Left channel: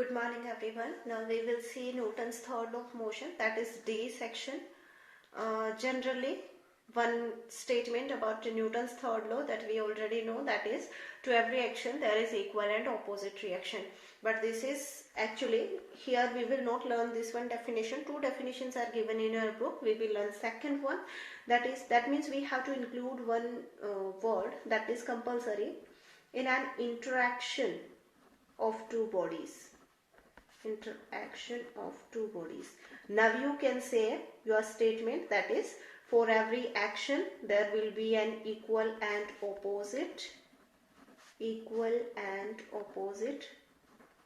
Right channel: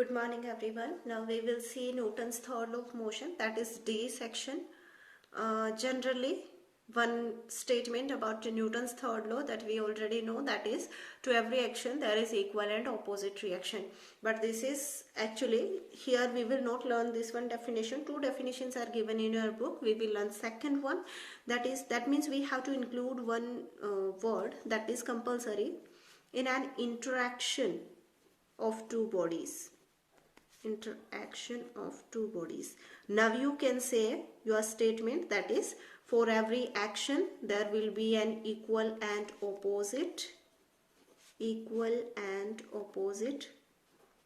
Good morning everyone. Now we will see Newton's third law of motion, that is D section. Generally one statement about Newton's third law that we already know, that is to every action there is equal and opposite reaction. But this is actually, here we will not learn this one definition. Two definitions are given in our book. We will learn second one, that means we have to include one word that is compulsory in an interaction of two bodies. Interaction of two bodies. Now you can say your statement, that is for every action there will be an equal and opposite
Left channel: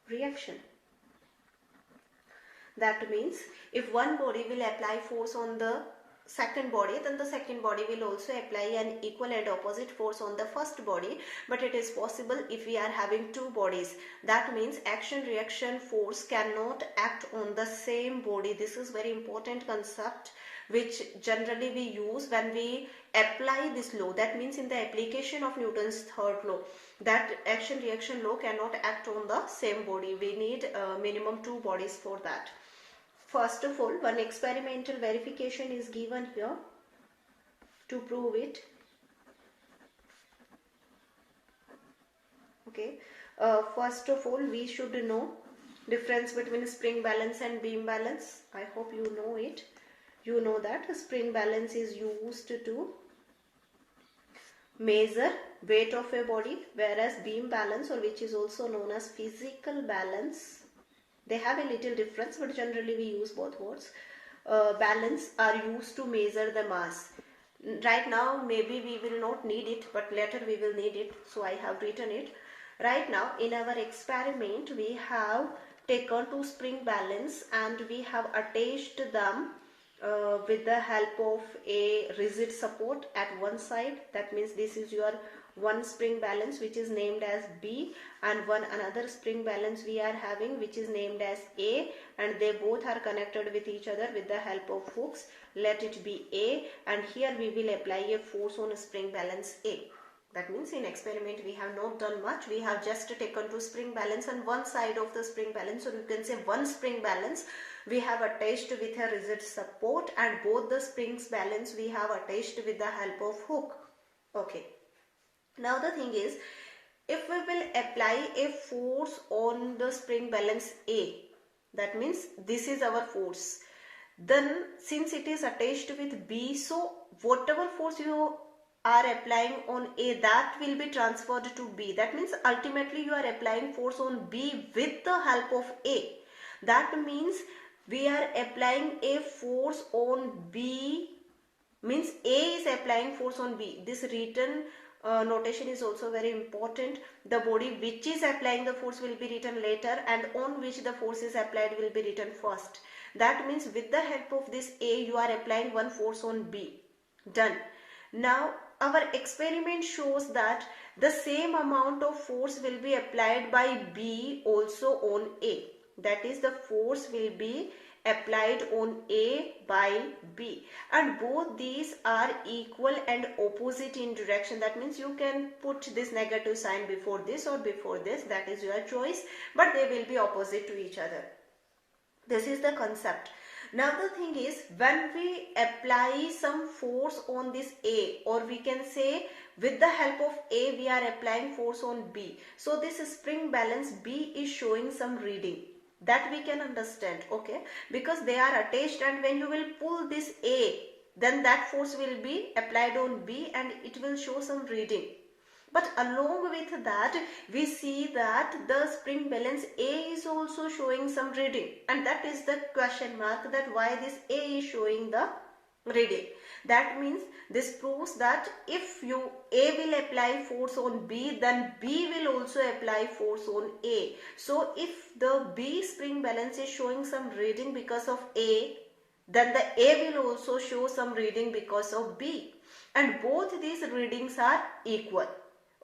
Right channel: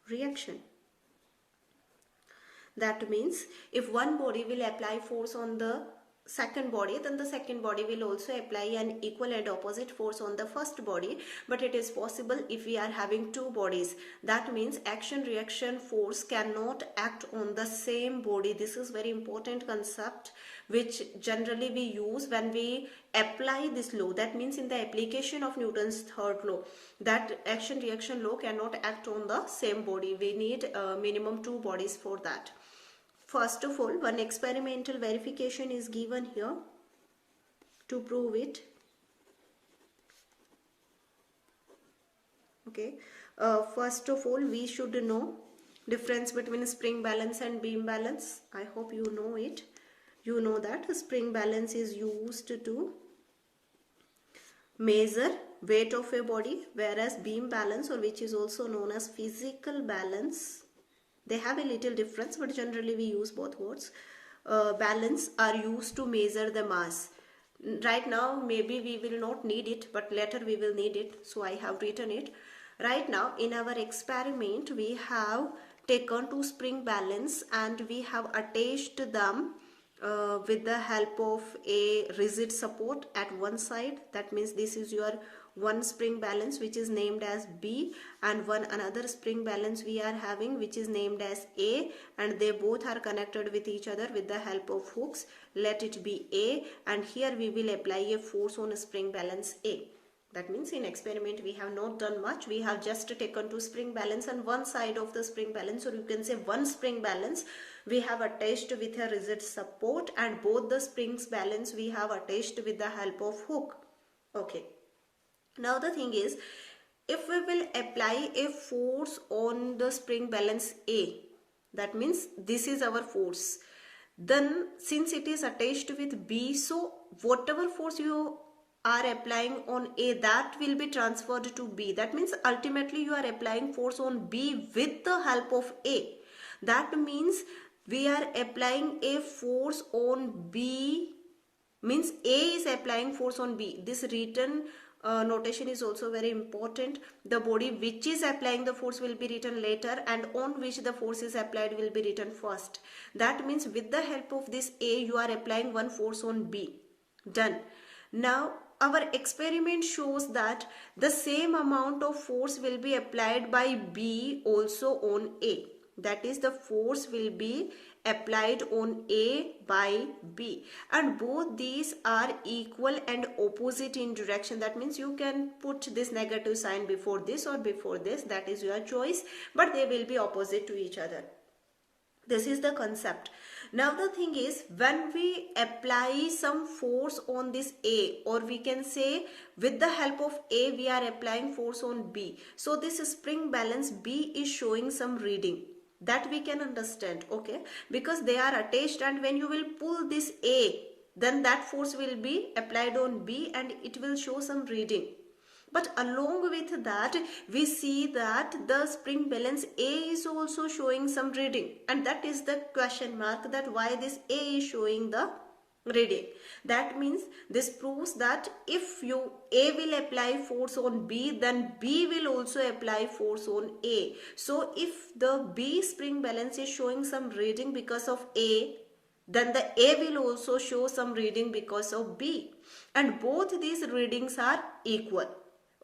reaction. That means if one body will apply force on the second body, then the second body will also apply an equal and opposite force on the first body. But it is possible if we are having two bodies. That means action reaction force cannot act on the same body. This is very important concept which generally we use when we apply this law. That means in the application of Newton's third law, that action reaction law cannot act on the same body. We need minimum two bodies for that. First of all, one experimental verification is given here to prove it. Okay. First of all, we should know difference between spring balance and beam balance. I hope you know it. You know that spring balance is used to measure weight of a body, whereas beam balance, or which is also known as physical balance, they have a little difference, but generally we use both words. Balance are used to measure the mass. Right now maybe we will not need it, but later we will need it, so I have written it. Right now in our experiment we have taken two spring balance and we have attached them with the help of a rigid support at one side. That means this is your one spring balance which is named as B, and one another spring balance we are having which is named as A, and they both are connected with each other with the help of hooks. Let it be A, and here we will apply a force on a spring balance A. That means in experiment we have not done much. We have just taken two spring balance and one side of the spring balance, or you can say one spring balance, we have attached with a rigid support, and both the springs balance we have attached with the help of hook. Okay. Now the thing is, if we will apply a force on the spring balance A, that means this is our force, then since it is attached with B, so whatever force you are applying on A, that will be transferred to B. That means ultimately you are applying force on B with the help of A. That means we are applying a force on B, means A is applying force on B. This written notation is also very important. The body which is applying the force will be written later, and on which the force is applied will be written first. That means with the help of this A, you are applying one force on B. Done. Now our experiment shows that the same amount of force will be applied by B also on A. That is, the force will be applied on A by B, and both these are equal and opposite in direction. That means you can put this negative sign before this or before this, that is your choice, but they will be opposite to each other. This is the concept. Now the thing is, when we apply some force on this A, or we can say with the help of A we are applying force on B, so this spring balance B is showing some reading. That we can understand, okay, because they are attached, and when you will pull this A, then that force will be applied on B and it will show some reading. But along with that, we see that the spring balance A is also showing some reading, and that is the question mark, that why this A is showing the reading. That means this proves that if A will apply force on B, then B will also apply force on A. So if the B spring balance is showing some reading because of A, then the A will also show some reading because of B, and both these readings are equal.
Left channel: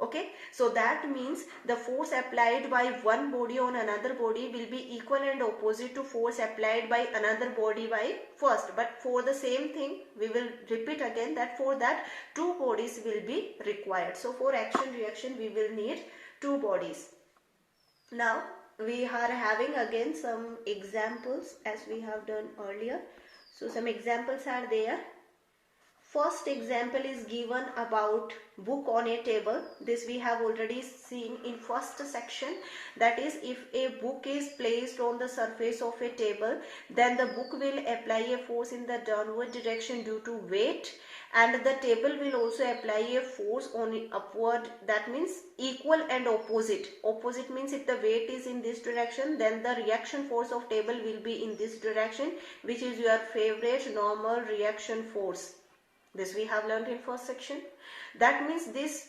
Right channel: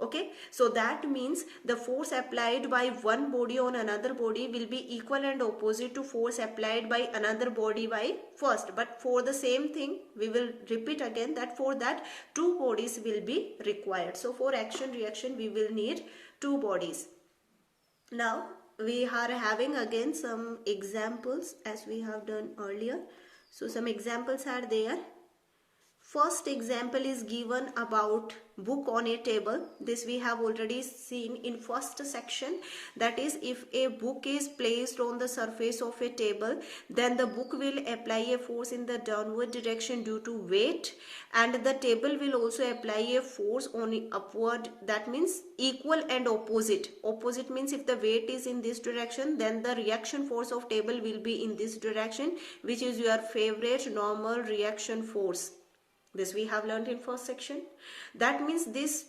Okay, so that means the force applied by one body on another body will be equal and opposite to force applied by another body by first. But for the same thing, we will repeat again that for that two bodies will be required. So for action reaction we will need two bodies. Now we are having again some examples as we have done earlier. So some examples are there. First example is given about book on a table. This we have already seen in first section. That is, if a book is placed on the surface of a table, then the book will apply a force in the downward direction due to weight, and the table will also apply a force on upward. That means equal and opposite. Opposite means if the weight is in this direction, then the reaction force of table will be in this direction, which is your favorite normal reaction force. This we have learned in first section. That means this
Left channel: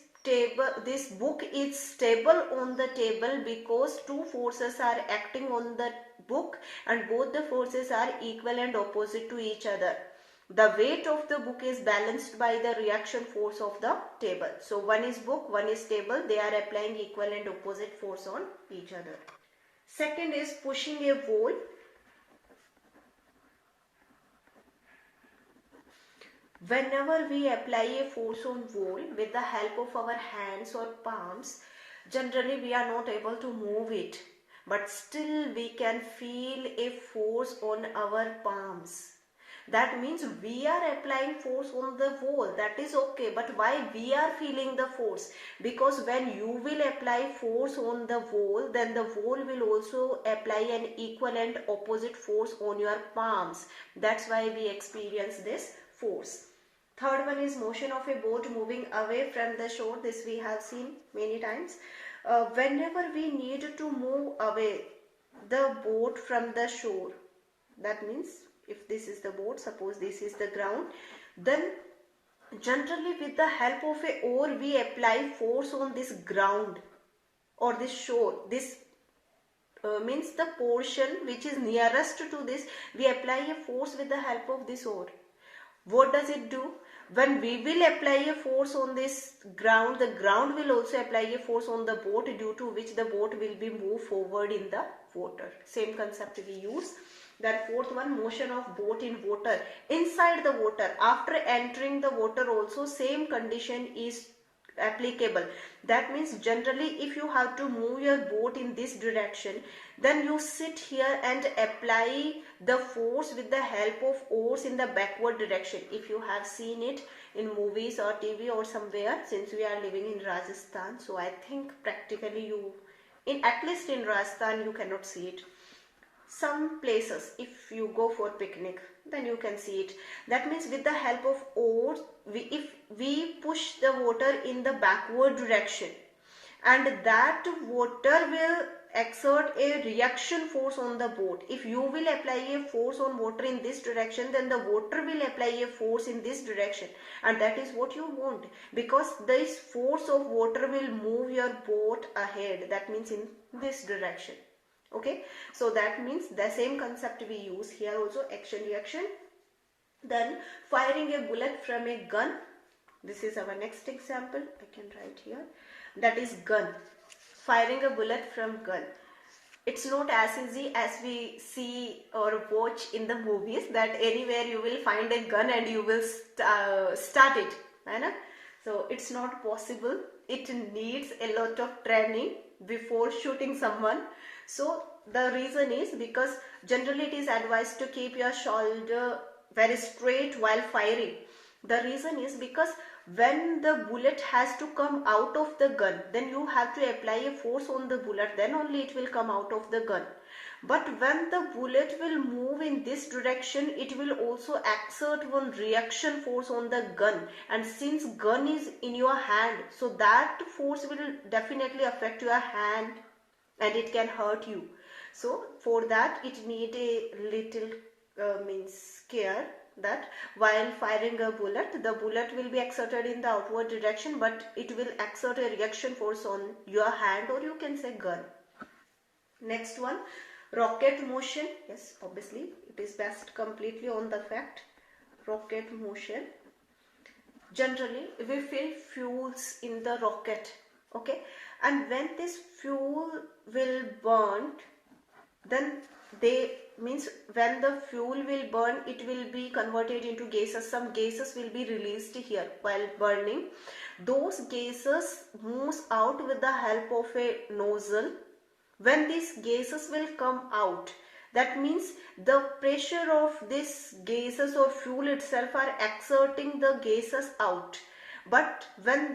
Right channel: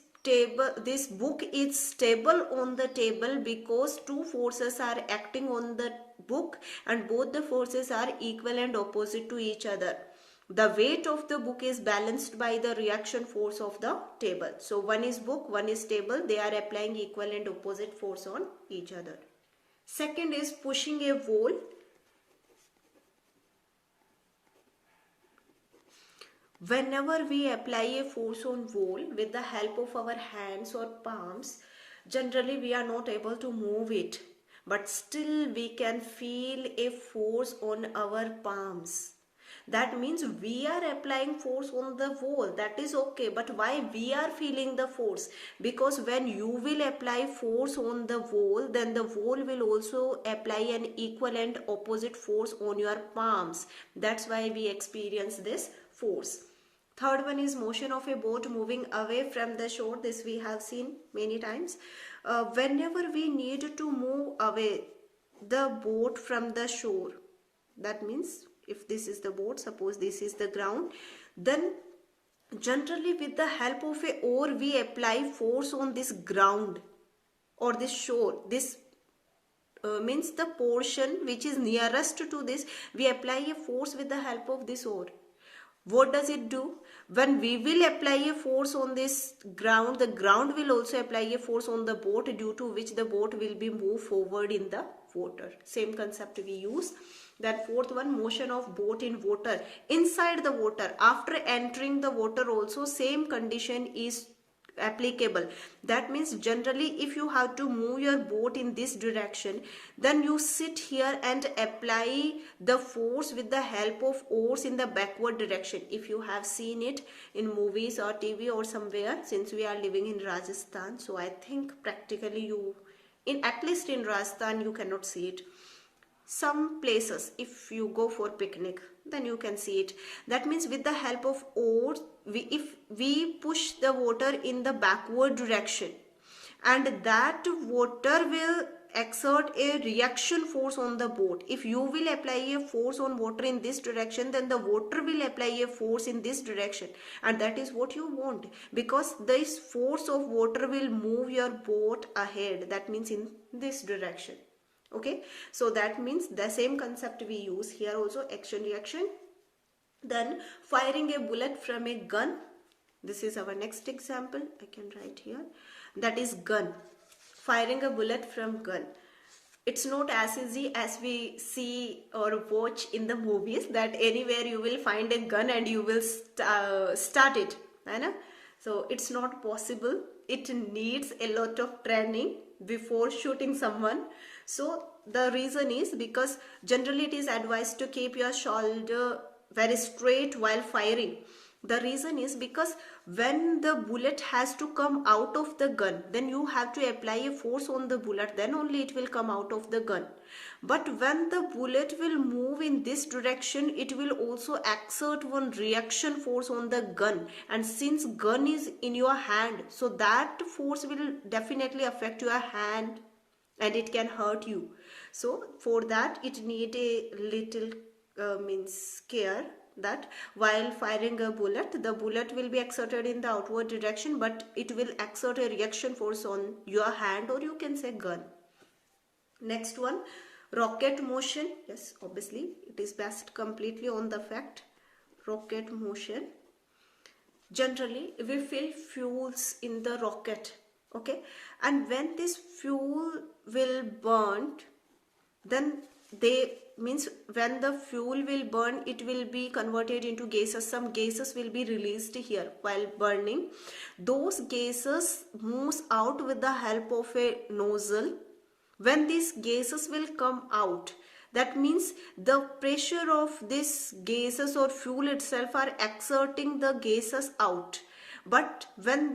book is stable on the table because two forces are acting on the book and both the forces are equal and opposite to each other. The weight of the book is balanced by the reaction force of the table. So one is book, one is table. They are applying equal and opposite force on each other. Second is pushing a wall. Whenever we apply a force on wall with the help of our hands or palms, generally we are not able to move it, but still we can feel a force on our palms. That means we are applying force on the wall. That is okay, but why we are feeling the force? Because when you will apply force on the wall, then the wall will also apply an equal and opposite force on your palms. That's why we experience this force. Third one is motion of a boat moving away from the shore. This we have seen many times. Whenever we need to move away the boat from the shore, that means if this is the boat, suppose this is the ground, then generally with the help of a oar we apply force on this ground or this shore. This means the portion which is nearest to this, we apply a force with the help of this oar. What does it do? When we will apply a force on this ground, the ground will also apply a force on the boat, due to which the boat will be moved forward in the water. Same concept we use. Then fourth one, motion of boat in water. Inside the water, after entering the water also same condition is applicable. That means generally if you have to move your boat in this direction, then you sit here and apply the force with the help of oars in the backward direction. If you have seen it in movies or TV or somewhere, since we are living in Rajasthan, so I think practically at least in Rajasthan you cannot see it. Some places, if you go for picnic, then you can see it. That means with the help of oars, if we push the water in the backward direction, and that water will exert a reaction force on the boat. If you will apply a force on water in this direction, then the water will apply a force in this direction, and that is what you want, because this force of water will move your boat ahead. That means in this direction. Okay, so that means the same concept we use here also, action reaction. Then firing a bullet from a gun. This is our next example. I can write here. That is gun. Firing a bullet from gun. It's not as easy as we see or watch in the movies, that anywhere you will find a gun and you will start it. Right? So it's not possible. It needs a lot of training before shooting someone. So the reason is because generally it is advised to keep your shoulder very straight while firing. The reason is because when the bullet has to come out of the gun, then you have to apply a force on the bullet, then only it will come out of the gun. But when the bullet will move in this direction, it will also exert one reaction force on the gun, and since gun is in your hand, so that force will definitely affect your hand and it can hurt you. So for that it need a little care, that while firing a bullet, the bullet will be exerted in the outward direction, but it will exert a reaction force on your hand, or you can say gun. Next one, rocket motion. Yes, obviously it is based completely on the fact. Rocket motion. Generally we fill fuels in the rocket. Okay, and when this fuel will burn, then when the fuel will burn, it will be converted into gases. Some gases will be released here while burning. Those gases moves out with the help of a nozzle, When these gases will come out, that means the pressure of this gases or fuel itself are exerting the gases out. But when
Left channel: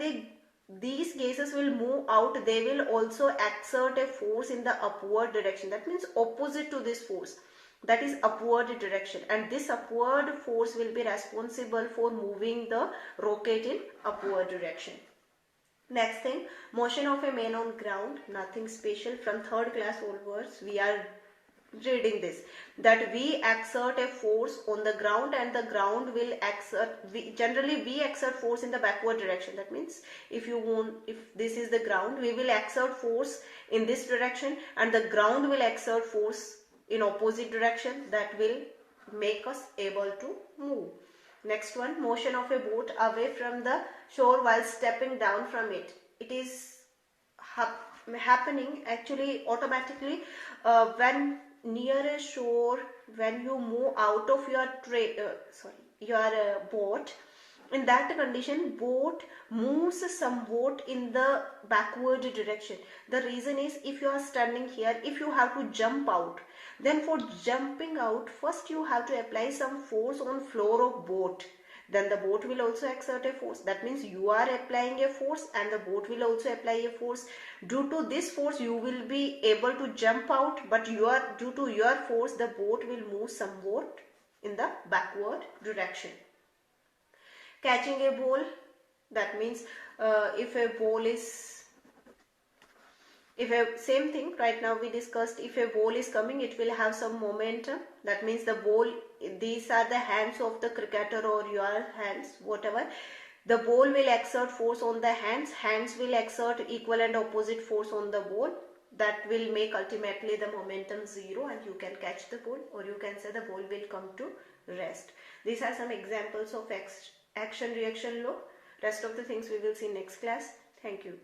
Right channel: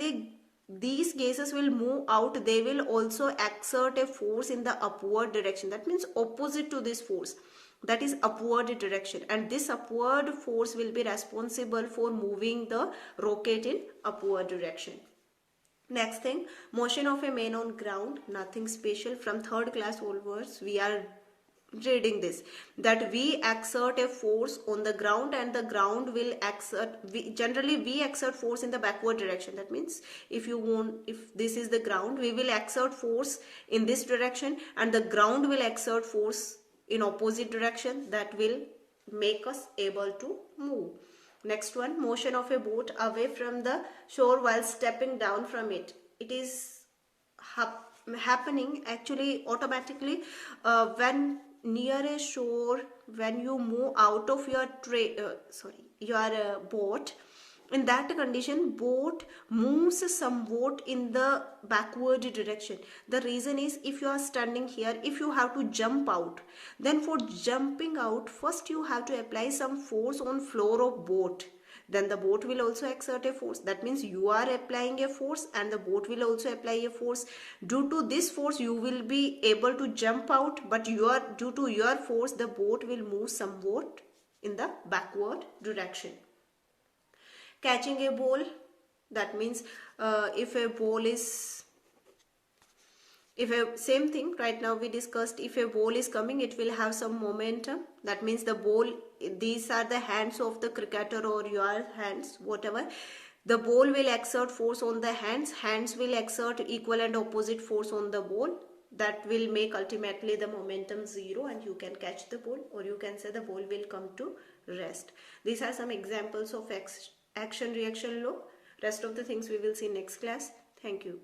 these gases will move out, they will also exert a force in the upward direction. That means opposite to this force, that is upward direction, and this upward force will be responsible for moving the rocket in upward direction. Next thing, motion of a man on ground, nothing special. From third class onwards we are reading this, that we exert a force on the ground and the ground will exert, generally we exert force in the backward direction. That means if this is the ground, we will exert force in this direction and the ground will exert force in opposite direction, that will make us able to move. Next one, motion of a boat away from the shore while stepping down from it. It is happening actually automatically when near a shore, when you move out of your boat. In that condition, boat moves somewhat in the backward direction. The reason is, if you are standing here, if you have to jump out, then for jumping out, first you have to apply some force on floor of boat. Then the boat will also exert a force. That means you are applying a force and the boat will also apply a force. Due to this force, you will be able to jump out, but due to your force, the boat will move somewhat in the backward direction. Catching a ball, that means same thing right now we discussed, if a ball is coming, it will have some momentum. That means the ball, these are the hands of the cricketer or your hands, whatever. The ball will exert force on the hands will exert equal and opposite force on the ball. That will make ultimately the momentum zero and you can catch the ball, or you can say the ball will come to rest. These are some examples of action reaction law. Rest of the things we will see next class. Thank you.